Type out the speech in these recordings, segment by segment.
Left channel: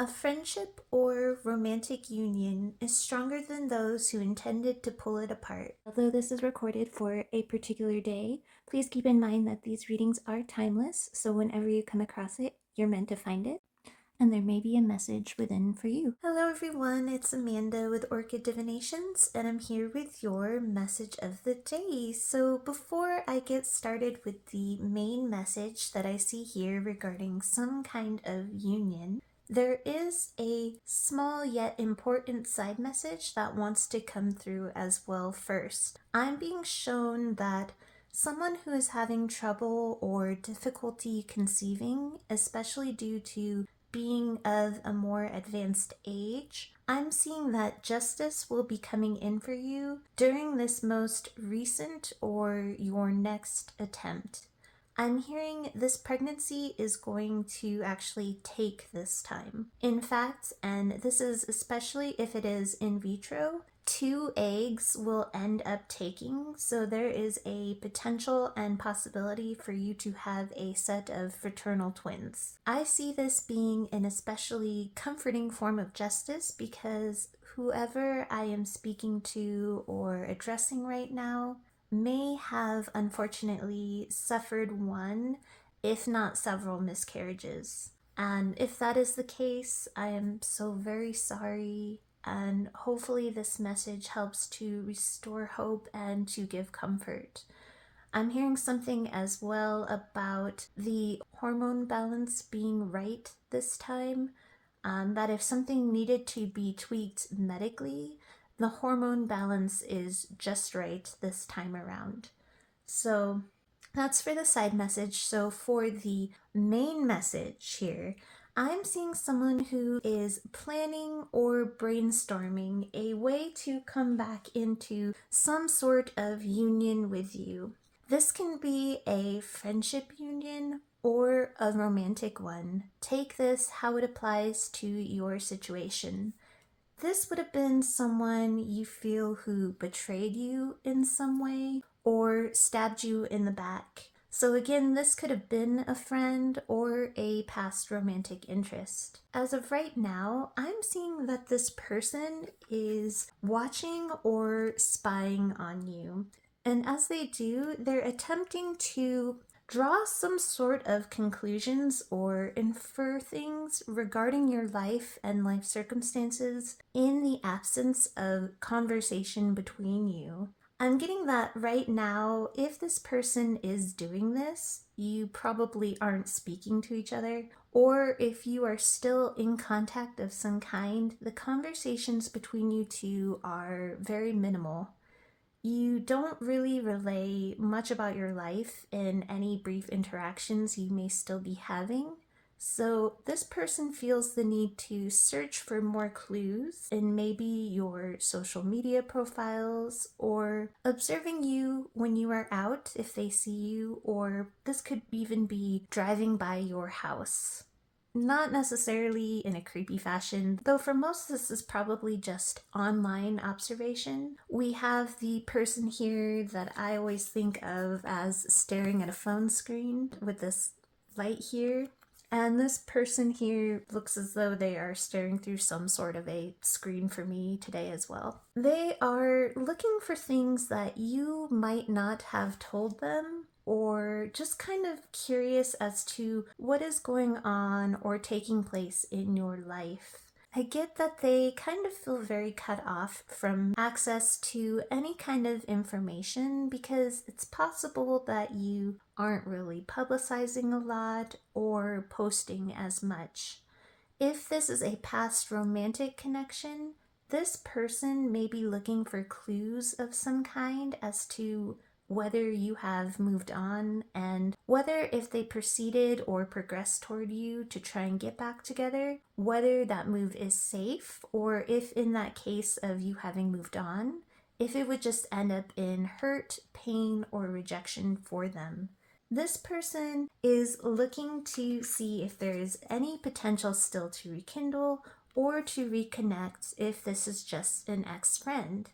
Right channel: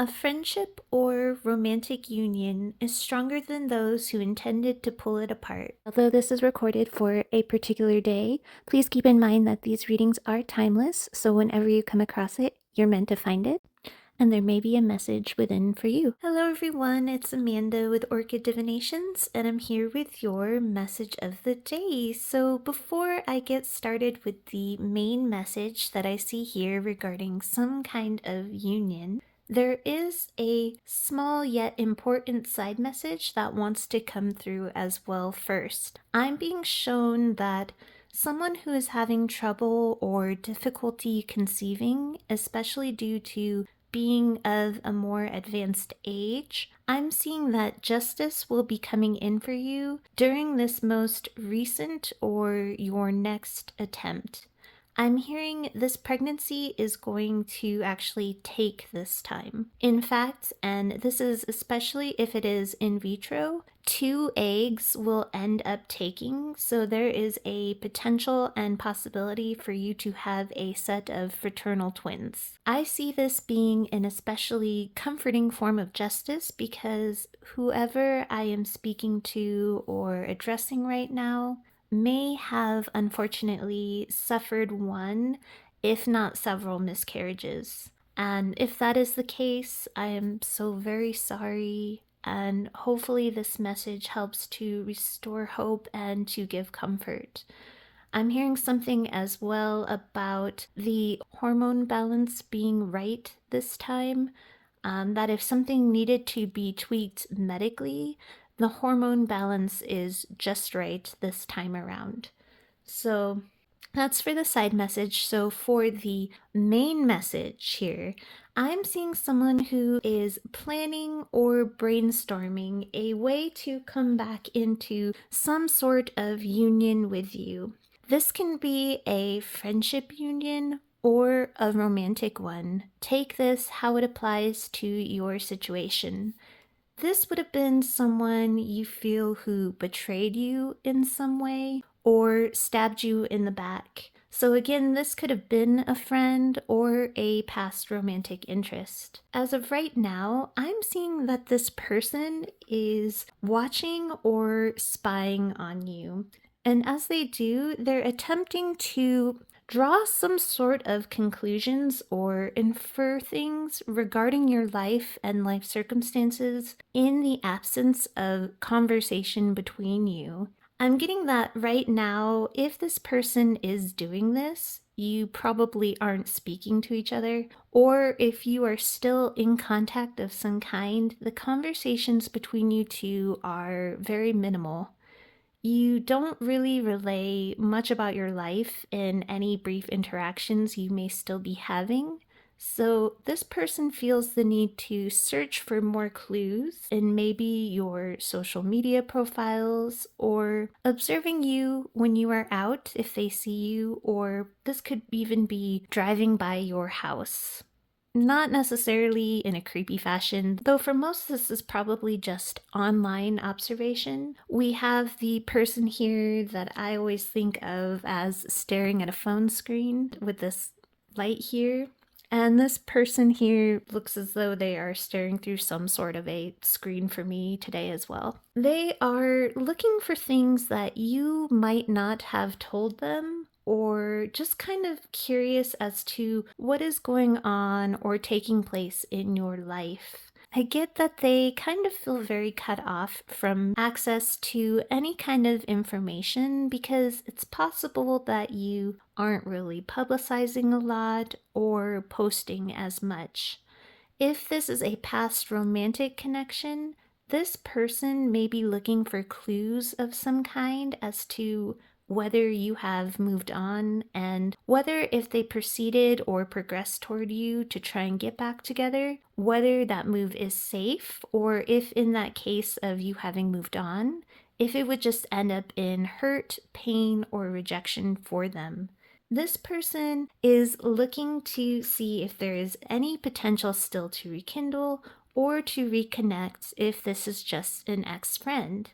A friendship or romantic union is stronger than those who intended to pull it apart. Although this is recorded for a particular day, please keep in mind that these readings are timeless, so whenever you come across it, you're meant to find it, and there may be a message within for you. Hello everyone, it's Amanda with Orchid Divinations, and I'm here with your message of the day. So before I get started with the main message that I see here regarding some kind of union, there is a small yet important side message that wants to come through as well first. I'm being shown that someone who is having trouble or difficulty conceiving, especially due to being of a more advanced age, I'm seeing that justice will be coming in for you during this most recent or your next attempt. I'm hearing this pregnancy is going to actually take this time. In fact, and this is especially if it is in vitro, 2 eggs will end up taking, so there is a potential and possibility for you to have a set of fraternal twins. I see this being an especially comforting form of justice because whoever I am speaking to or addressing right now may have unfortunately suffered one, if not several, miscarriages. And if that is the case, I am so very sorry. And hopefully, this message helps to restore hope and to give comfort. I'm hearing something as well about the hormone balance being right this time. That if something needed to be tweaked medically, the hormone balance is just right this time around. So that's for the side message. So for the main message here, I'm seeing someone who is planning or brainstorming a way to come back into some sort of union with you. This can be a friendship union or a romantic one. Take this how it applies to your situation. This would have been someone you feel who betrayed you in some way or stabbed you in the back. So again, this could have been a friend or a past romantic interest. As of right now, I'm seeing that this person is watching or spying on you. And as they do, they're attempting to draw some sort of conclusions or infer things regarding your life and life circumstances in the absence of conversation between you. I'm getting that right now, if this person is doing this, you probably aren't speaking to each other, or if you are still in contact of some kind, the conversations between you two are very minimal. You don't really relay much about your life in any brief interactions you may still be having. So, this person feels the need to search for more clues in maybe your social media profiles or observing you when you are out if they see you, or this could even be driving by your house. Not necessarily in a creepy fashion, though for most this is probably just online observation. We have the person here that I always think of as staring at a phone screen with this light here. And this person here looks as though they are staring through some sort of a screen for me today as well. They are looking for things that you might not have told them, or just kind of curious as to what is going on or taking place in your life. I get that they kind of feel very cut off from access to any kind of information because it's possible that you aren't really publicizing a lot or posting as much. If this is a past romantic connection, this person may be looking for clues of some kind as to whether you have moved on and whether if they proceeded or progressed toward you to try and get back together, whether that move is safe, or if in that case of you having moved on, if it would just end up in hurt, pain, or rejection for them. This person is looking to see if there is any potential still to rekindle or to reconnect if this is just an ex-friend.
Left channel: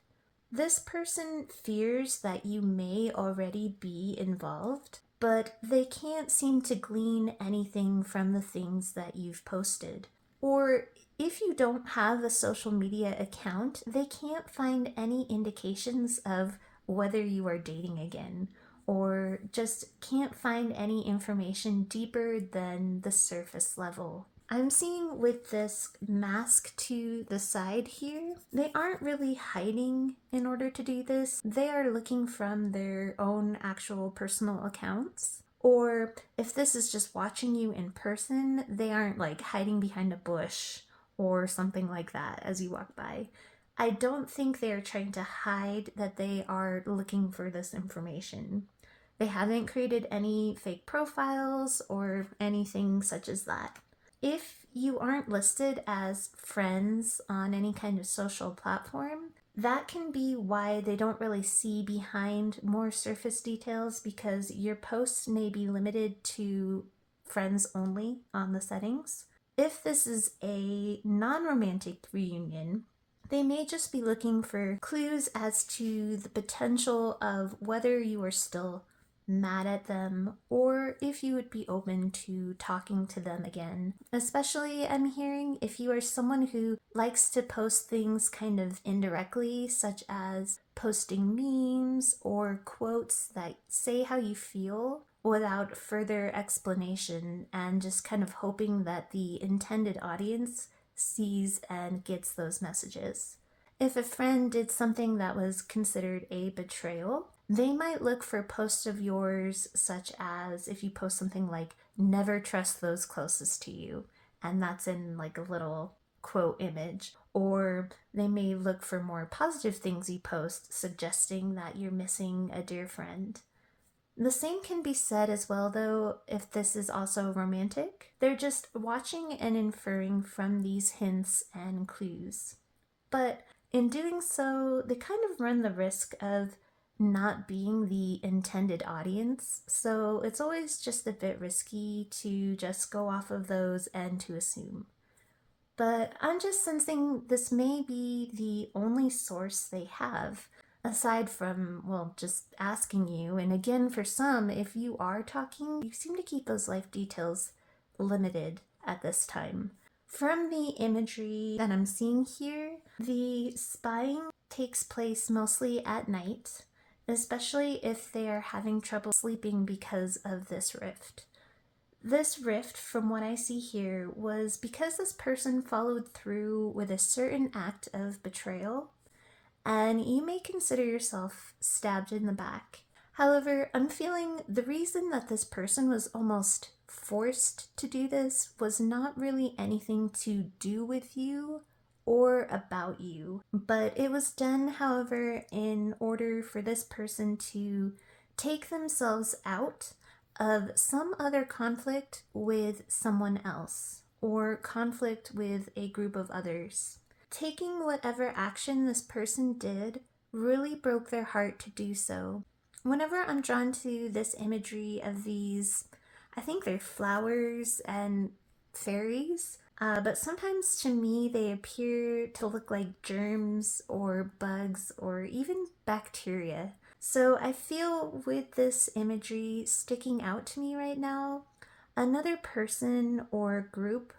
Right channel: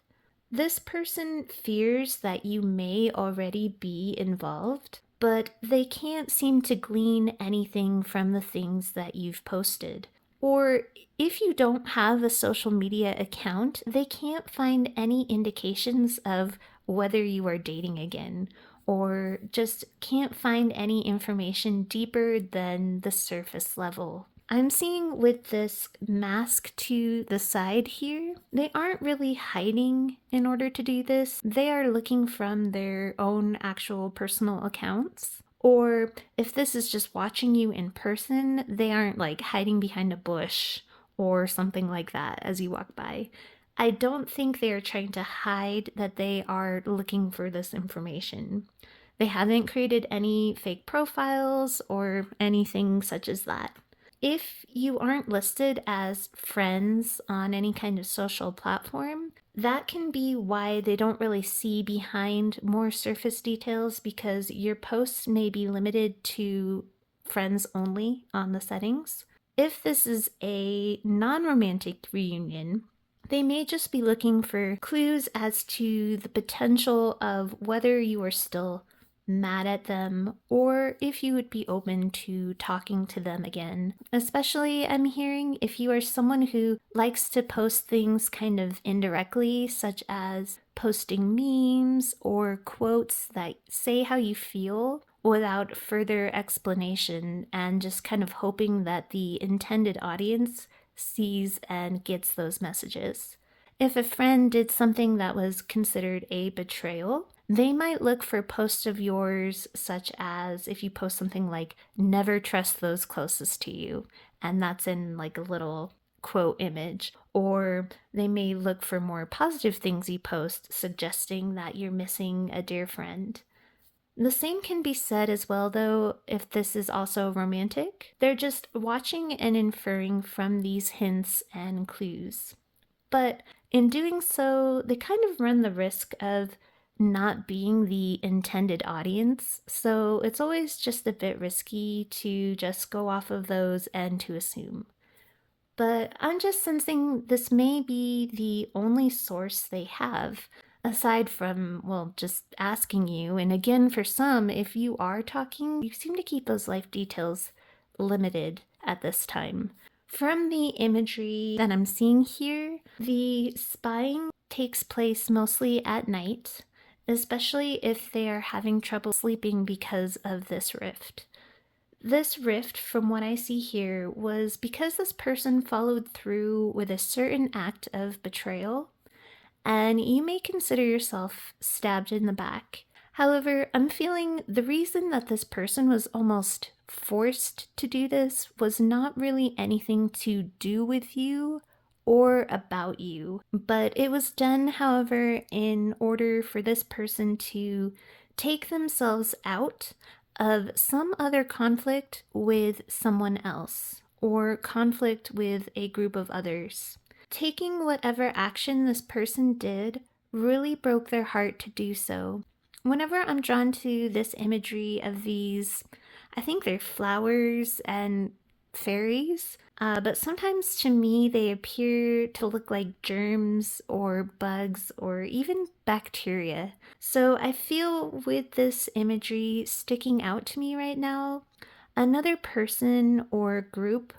This person fears that you may already be involved, but they can't seem to glean anything from the things that you've posted. Or if you don't have a social media account, they can't find any indications of whether you are dating again, or just can't find any information deeper than the surface level. I'm seeing with this mask to the side here, they aren't really hiding in order to do this. They are looking from their own actual personal accounts. Or if this is just watching you in person, they aren't like hiding behind a bush or something like that as you walk by. I don't think they are trying to hide that they are looking for this information. They haven't created any fake profiles or anything such as that. If you aren't listed as friends on any kind of social platform, that can be why they don't really see behind more surface details, because your posts may be limited to friends only on the settings. If this is a non romantic reunion, they may just be looking for clues as to the potential of whether you are still mad at them or if you would be open to talking to them again. Especially, I'm hearing if you are someone who likes to post things kind of indirectly, such as posting memes or quotes that say how you feel without further explanation, and just kind of hoping that the intended audience sees and gets those messages. If a friend did something that was considered a betrayal, they might look for posts of yours, such as if you post something like, never trust those closest to you, and that's in like a little quote image. Or they may look for more positive things you post, suggesting that you're missing a dear friend. The same can be said as well, though, if this is also romantic. They're just watching and inferring from these hints and clues. But in doing so, they kind of run the risk of not being the intended audience. So it's always just a bit risky to just go off of those and to assume. But I'm just sensing this may be the only source they have, aside from, well, just asking you. And again, for some, if you are talking, you seem to keep those life details limited at this time. From the imagery that I'm seeing here, the spying takes place mostly at night, especially if they are having trouble sleeping because of this rift. This rift, from what I see here, was because this person followed through with a certain act of betrayal, and you may consider yourself stabbed in the back. However, I'm feeling the reason that this person was almost forced to do this was not really anything to do with you or about you, but it was done, however, in order for this person to take themselves out of some other conflict with someone else or conflict with a group of others. Taking whatever action this person did really broke their heart to do so. Whenever I'm drawn to this imagery of these, I think they're flowers and fairies, but sometimes to me they appear to look like germs or bugs or even bacteria. So I feel with this imagery sticking out to me right now, another person or group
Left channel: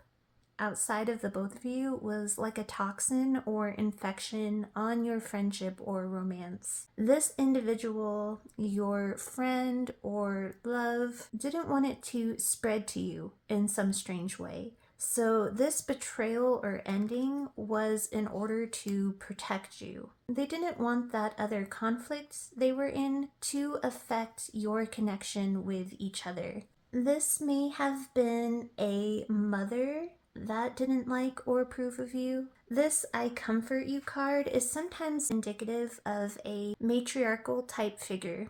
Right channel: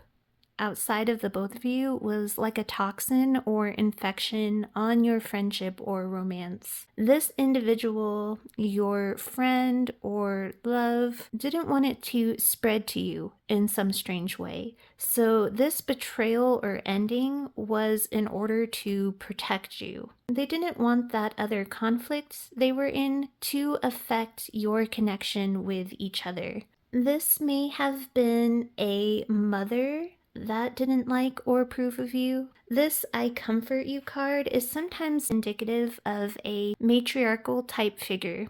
outside of the both of you was like a toxin or infection on your friendship or romance. This individual, your friend or love, didn't want it to spread to you in some strange way. So this betrayal or ending was in order to protect you. They didn't want that other conflict they were in to affect your connection with each other. This may have been a mother that didn't like or approve of you. This I comfort you card is sometimes indicative of a matriarchal type figure,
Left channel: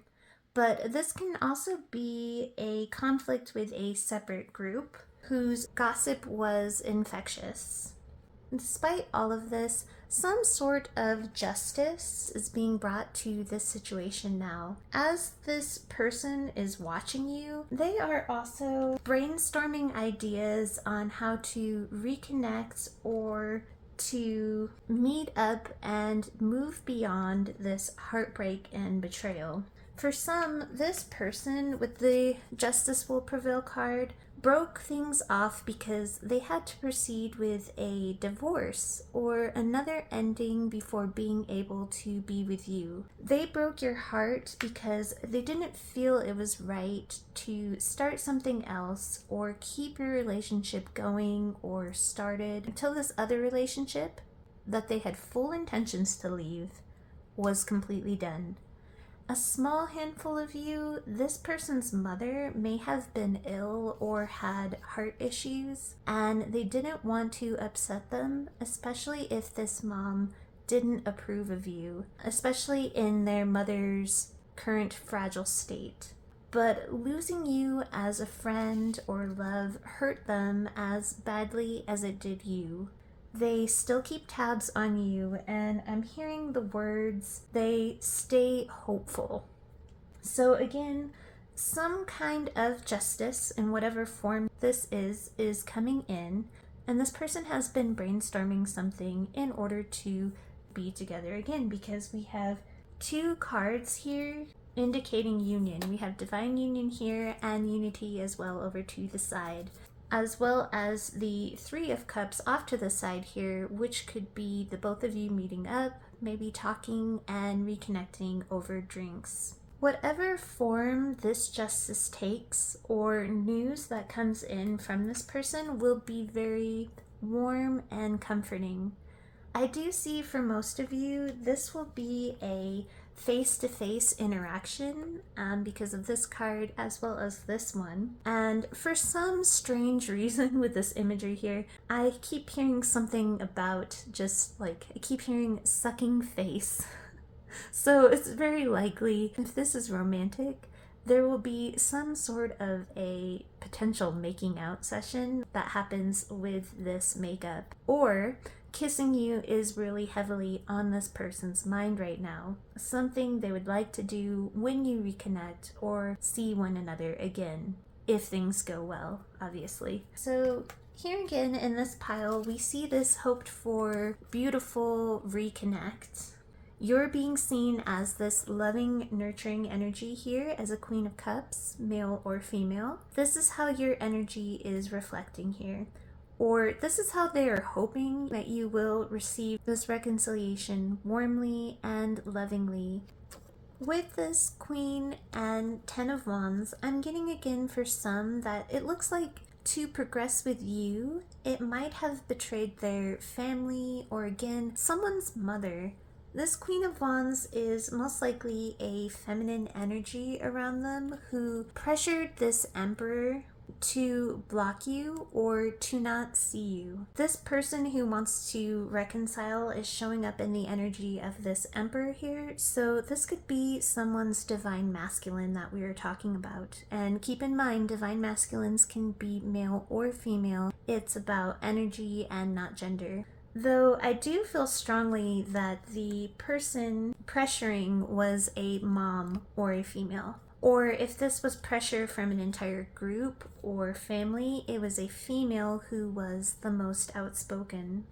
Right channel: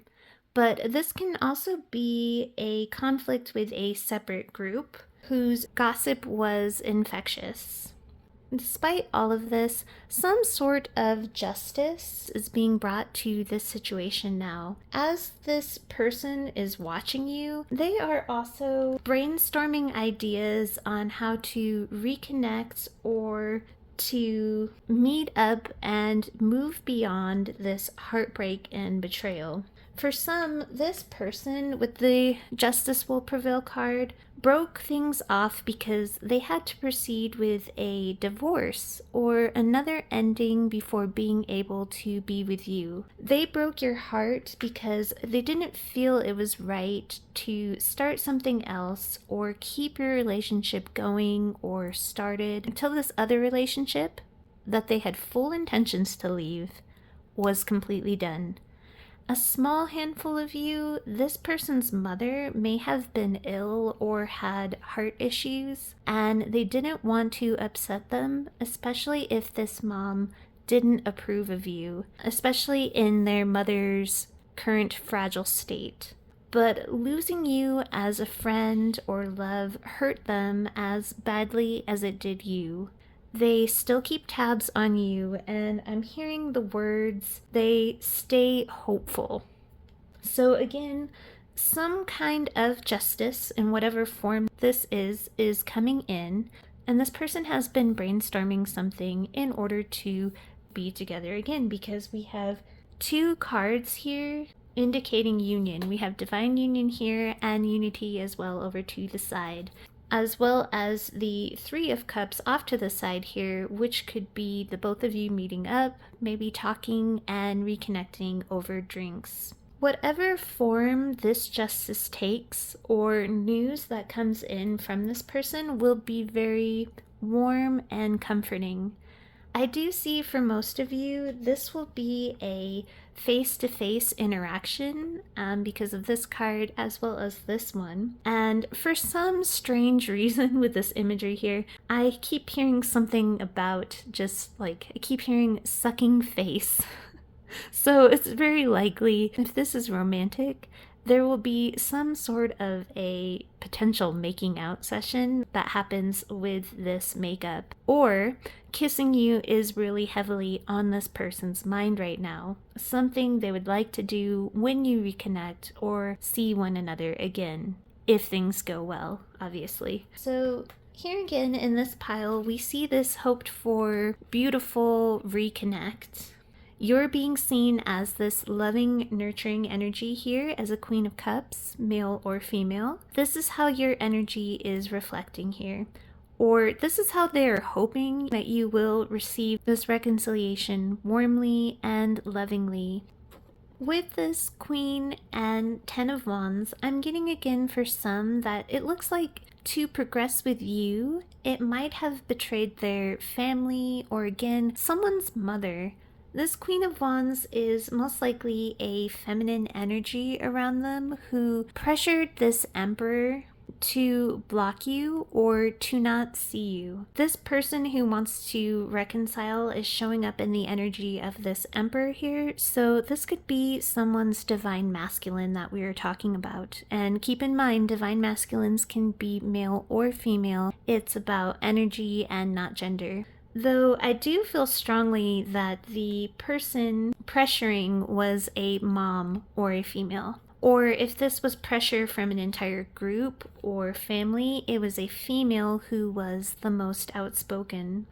but this can also be a conflict with a separate group whose gossip was infectious. Despite all of this, some sort of justice is being brought to this situation now. As this person is watching you, they are also brainstorming ideas on how to reconnect or to meet up and move beyond this heartbreak and betrayal. For some, this person with the Justice Will Prevail card broke things off because they had to proceed with a divorce or another ending before being able to be with you. They broke your heart because they didn't feel it was right to start something else or keep your relationship going or started until this other relationship that they had full intentions to leave was completely done. A small handful of you, this person's mother may have been ill or had heart issues, and they didn't want to upset them, especially if this mom didn't approve of you, especially in their mother's current fragile state. But losing you as a friend or love hurt them as badly as it did you. They still keep tabs on you, and I'm hearing the words, they stay hopeful. So, again, some kind of justice in whatever form this is coming in, and this person has been brainstorming something in order to be together again because we have two cards here indicating union. We have divine union here and unity as well over to the side, as well as the Three of Cups off to the side here, which could be the both of you meeting up, maybe talking and reconnecting over drinks. Whatever form this justice takes or news that comes in from this person will be very warm and comforting. I do see for most of you, this will be a face-to-face interaction because of this card as well as this one. And for some strange reason with this imagery here, I keep hearing something about just like, I keep hearing sucking face. So it's very likely, if this is romantic, there will be some sort of a potential making out session that happens with this makeup. Or kissing you is really heavily on this person's mind right now. Something they would like to do when you reconnect or see one another again. If things go well, obviously. So here again in this pile, we see this hoped for beautiful reconnect. You're being seen as this loving, nurturing energy here as a Queen of Cups, male or female. This is how your energy is reflecting here. Or this is how they're hoping that you will receive this reconciliation warmly and lovingly. With this Queen and Ten of Wands, I'm getting again for some that it looks like to progress with you, it might have betrayed their family or again, someone's mother. This Queen of Wands is most likely a feminine energy around them who pressured this Emperor to block you or to not see you. This person who wants to reconcile is showing up in the energy of this Emperor here, so this could be someone's divine masculine that we are talking about. And keep in mind, divine masculines can be male or female. It's about energy and not gender. Though I do feel strongly that the person pressuring was a mom or a female. Or if this was pressure from an entire group or family, it was a female who was the most outspoken.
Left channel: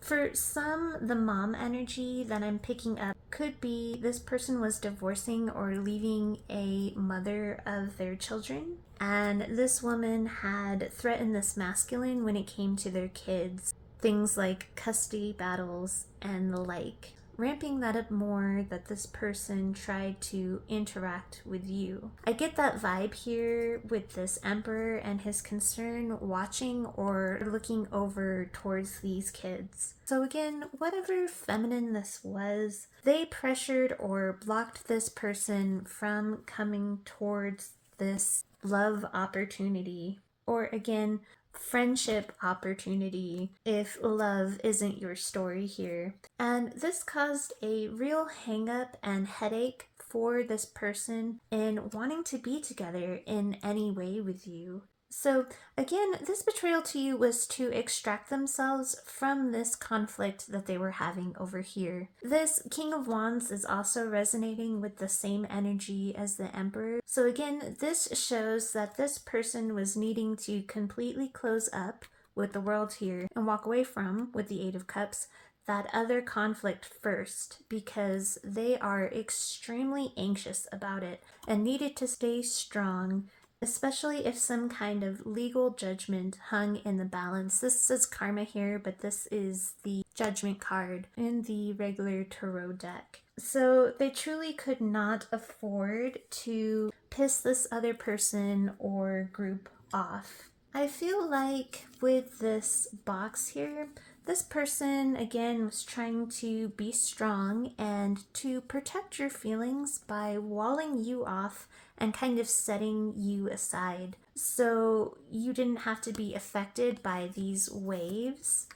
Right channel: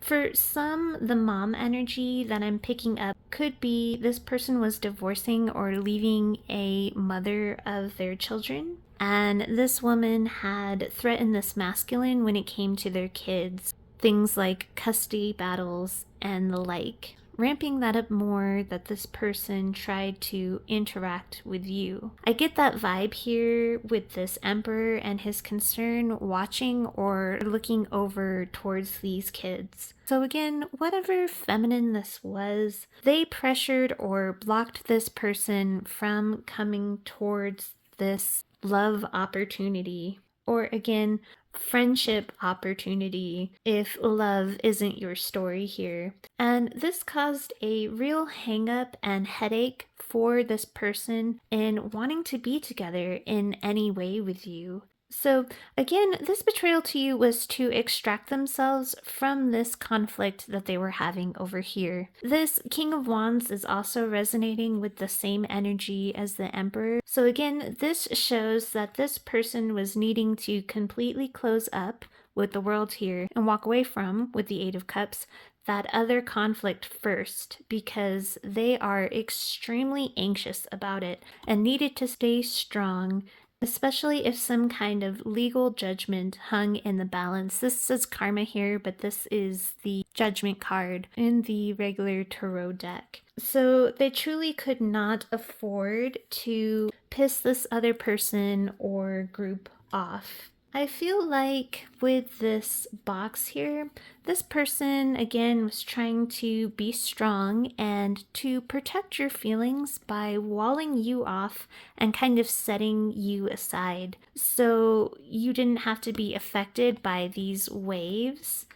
For some, the mom energy that I'm picking up could be this person was divorcing or leaving a mother of their children. And this woman had threatened this masculine when it came to their kids. Things like custody battles and the like, ramping that up more that this person tried to interact with you. I get that vibe here with this Emperor and his concern watching or looking over towards these kids. So again, whatever feminine this was, they pressured or blocked this person from coming towards this love opportunity. Or again, friendship opportunity if love isn't your story here. And this caused a real hang up and headache for this person in wanting to be together in any way with you. So again, this betrayal to you was to extract themselves from this conflict that they were having over here. This King of Wands is also resonating with the same energy as the Emperor. So again, this shows that this person was needing to completely close up with the world here and walk away from, with the Eight of Cups, that other conflict first, because they are extremely anxious about it and needed to stay strong, especially if some kind of legal judgment hung in the balance. This says karma here, but this is the judgment card in the regular tarot deck. So they truly could not afford to piss this other person or group off. I feel like with this box here, this person again was trying to be strong and to protect your feelings by walling you off and kind of setting you aside, so you didn't have to be affected by these waves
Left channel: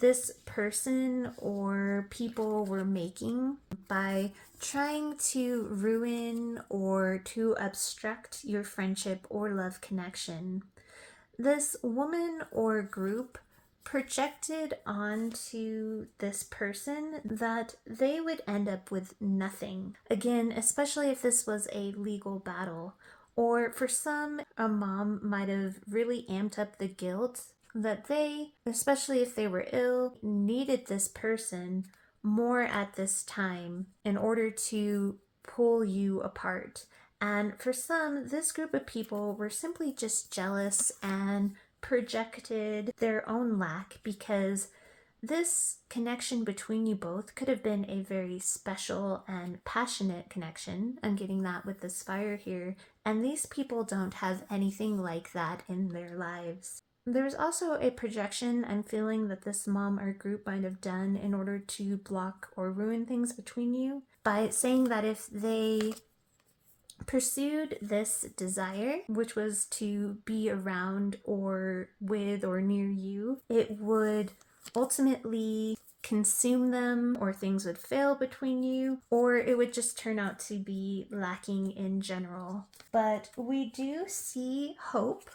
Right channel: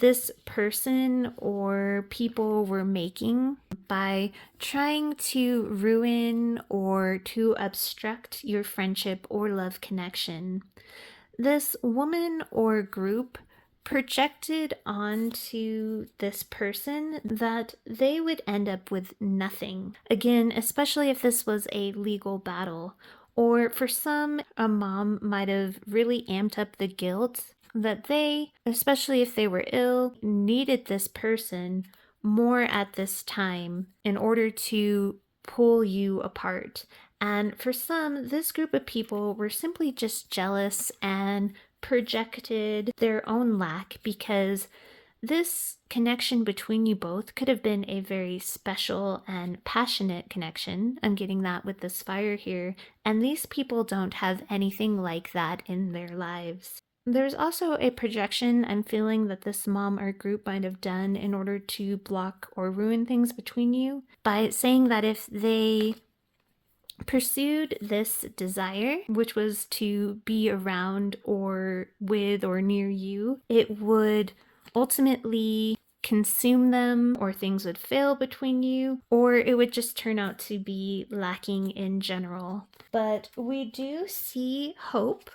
this person or people were making by trying to ruin or to obstruct your friendship or love connection. This woman or group projected onto this person that they would end up with nothing. Again, especially if this was a legal battle. Or for some, a mom might have really amped up the guilt that they, especially if they were ill, needed this person more at this time in order to pull you apart. And for some, this group of people were simply just jealous and projected their own lack, because this connection between you both could have been a very special and passionate connection. I'm getting that with this fire here. And these people don't have anything like that in their lives. There's also a projection I'm feeling that this mom or group might have done in order to block or ruin things between you by saying that if they pursued this desire, which was to be around or with or near you, it would ultimately consume them, or things would fail between you, or it would just turn out to be lacking in general. But we do see hope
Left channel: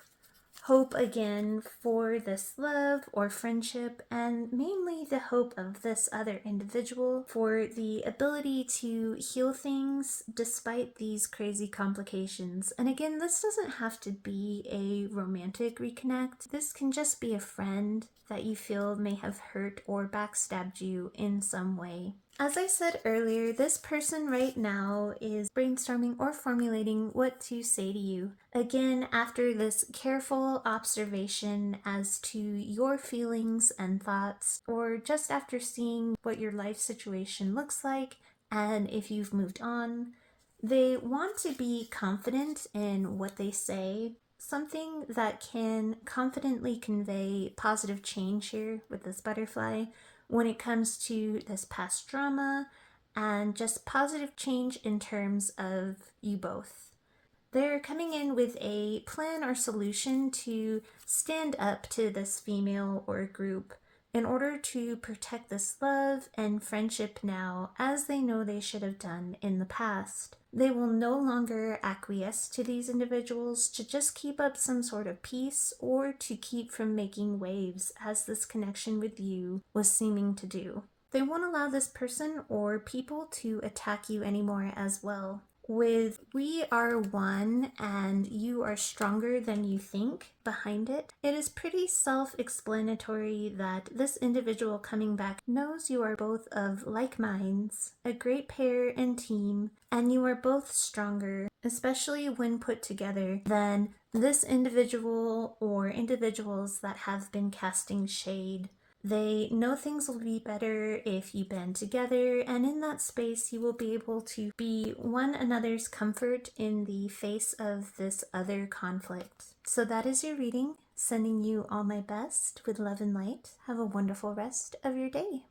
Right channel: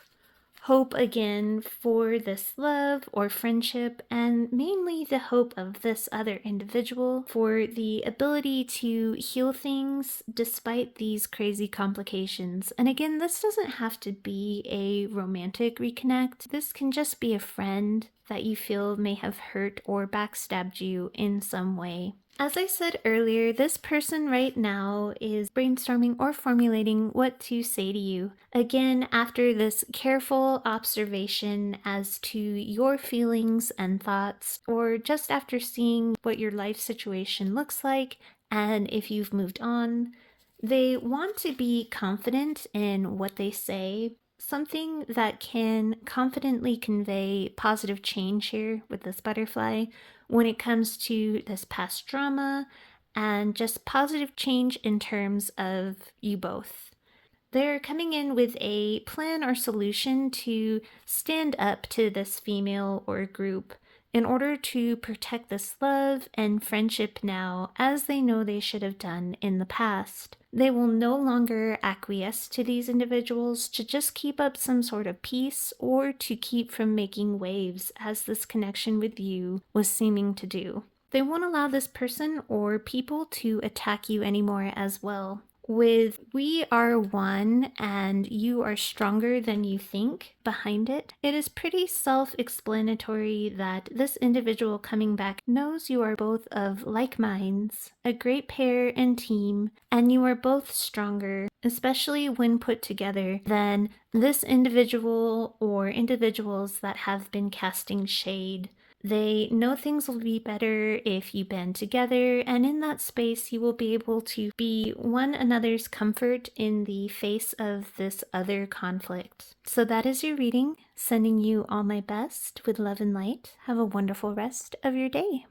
again for this love or friendship, and mainly the hope of this other individual for the ability to heal things despite these crazy complications. And again, this doesn't have to be a romantic reconnect. This can just be a friend that you feel may have hurt or backstabbed you in some way. As I said earlier, this person right now is brainstorming or formulating what to say to you. Again, after this careful observation as to your feelings and thoughts, or just after seeing what your life situation looks like and if you've moved on, they want to be confident in what they say. Something that can confidently convey positive change here with this butterfly when it comes to this past drama and just positive change in terms of you both. They're coming in with a plan or solution to stand up to this female or group in order to protect this love and friendship now, as they know they should have done in the past. They will no longer acquiesce to these individuals to just keep up some sort of peace or to keep from making waves, as this connection with you was seeming to do. They won't allow this person or people to attack you anymore as well. With "we are one and you are stronger than you think" behind it, it is pretty self-explanatory that this individual coming back knows you are both of like minds, a great pair and team, and you are both stronger, especially when put together, than this individual or individuals that have been casting shade. They know things will be better if you band together, and in that space you will be able to be one another's comfort in the face of this other conflict. So that is your reading. Sending you all my best with love and light. Have a wonderful rest of your day.